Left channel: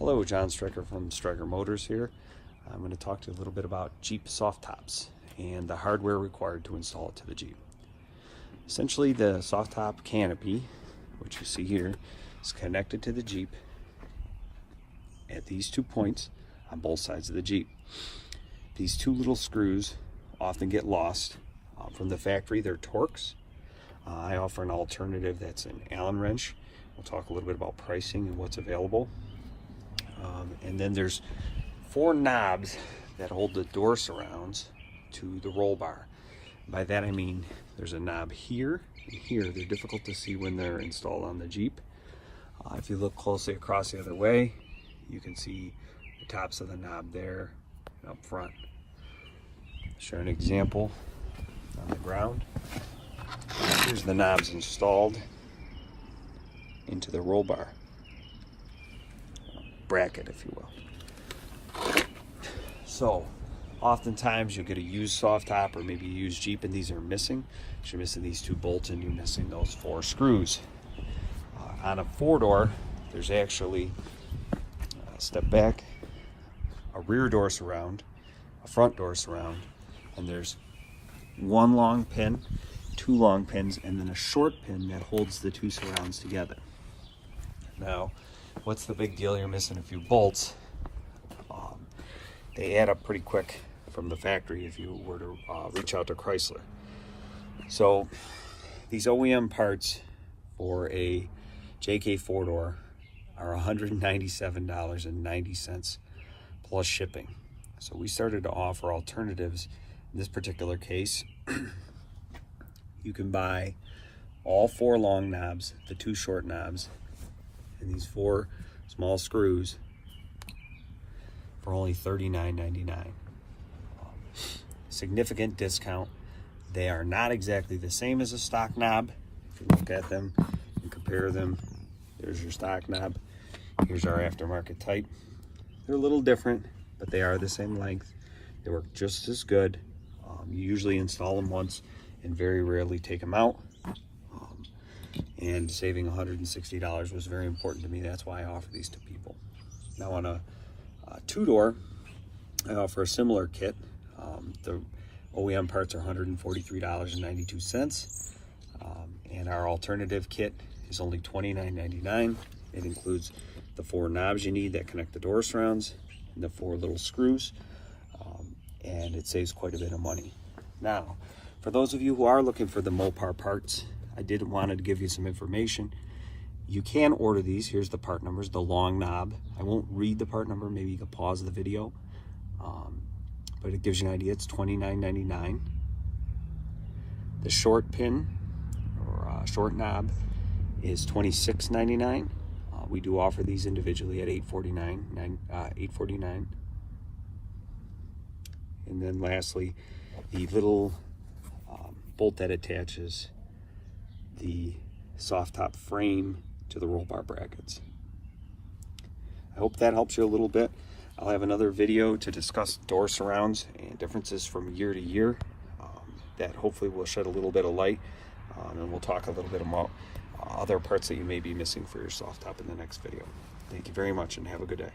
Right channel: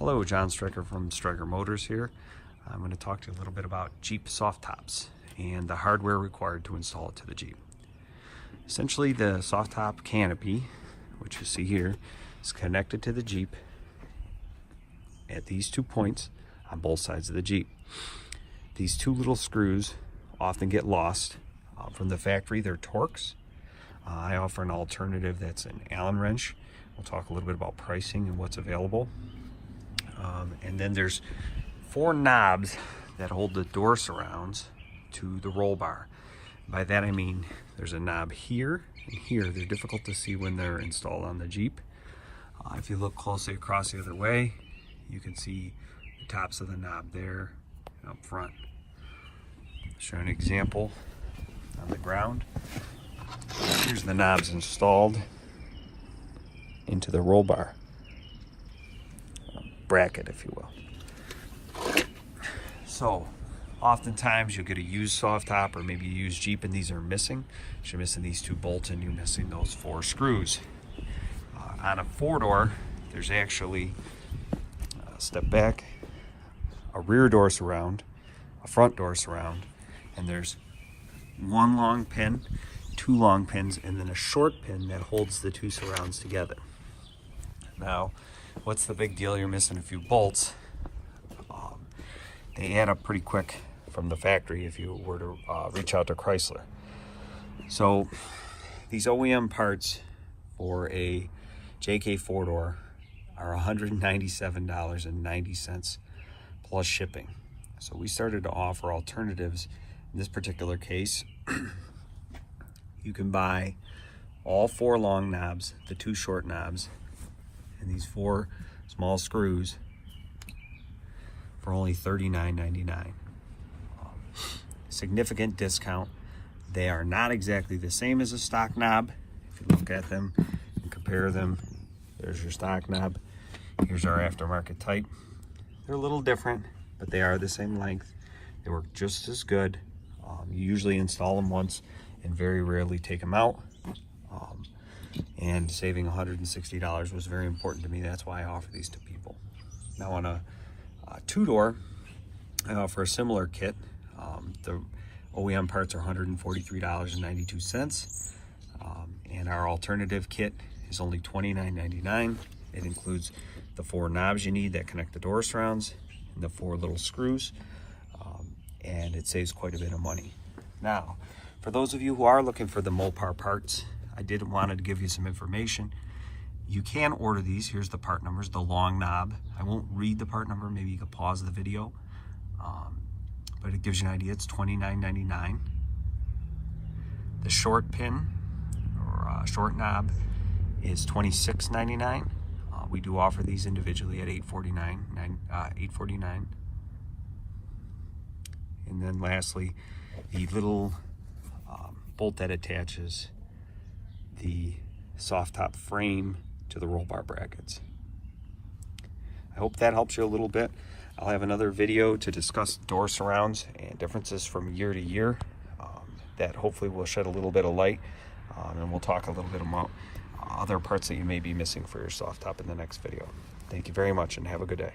Hello, John Strecker from Strecker Motors here. I'm going to talk to you a little bit about Jeep soft tops and the hardware required to install it to the Jeep. Essentially, the soft top canopy, which you see here, is connected to the Jeep at these 2 points on both sides of the Jeep. These two little screws often get lost from the factory. They're Torx. I offer an alternative that's an Allen wrench. We'll talk a little bit about pricing and what's available. And then there's 4 knobs that hold the door surrounds to the roll bar. By that I mean there's a knob here and here. They're difficult to see when they're installed on the Jeep. If you look closely across the other way, you can see the tops of the knob there and up front. Show an example on the ground. Here's the knobs installed into the roll bar bracket, if you will. So oftentimes you'll get a used soft top or maybe a used Jeep and these are missing. You're missing these 2 bolts and you're missing those 4 screws. On a 4-door, there's actually, step back, a rear door surround, a front door surround, and there's 1 long pin, 2 long pins, and then a short pin that holds the 2 surrounds together. Now, what's the big deal? You're missing a few bolts. They add up pretty quick from the factory if you were to reach out to Chrysler. So these OEM parts for a JKU 4-door are $197.90 plus shipping. So we started to offer alternatives. In this particular case, you can buy all 4 long knobs, the 2 short knobs, and these 4 small screws for only $39.99. Significant discount. They are not exactly the same as a stock knob. If you look at them and compare them, there's your stock knob. Here's our aftermarket type. They're a little different, but they are the same length. They work just as good. You usually install them once and very rarely take them out. And saving $160 was very important to me. That's why I offer these to people. Now on a 2-door, I offer a similar kit. The OEM parts are $143.92. And our alternative kit is only $29.99. It includes the 4 knobs you need that connect the door surrounds and the 4 little screws. And it saves quite a bit of money. Now, for those of you who are looking for the Mopar parts, I did want to give you some information. You can order these. Here's the part numbers. The long knob. I won't read the part number. Maybe you can pause the video. But it gives you an idea. It's $29.99. The short pin or short knob is $26.99. We do offer these individually at $849. And then lastly, the little bolt that attaches the soft top frame to the roll bar brackets. I hope that helps you a little bit. I'll have another video to discuss door surrounds and differences from year to year. That hopefully will shed a little bit of light. And we'll talk a little bit about other parts that you may be missing for your soft top in the next video. Thank you very much and have a good day.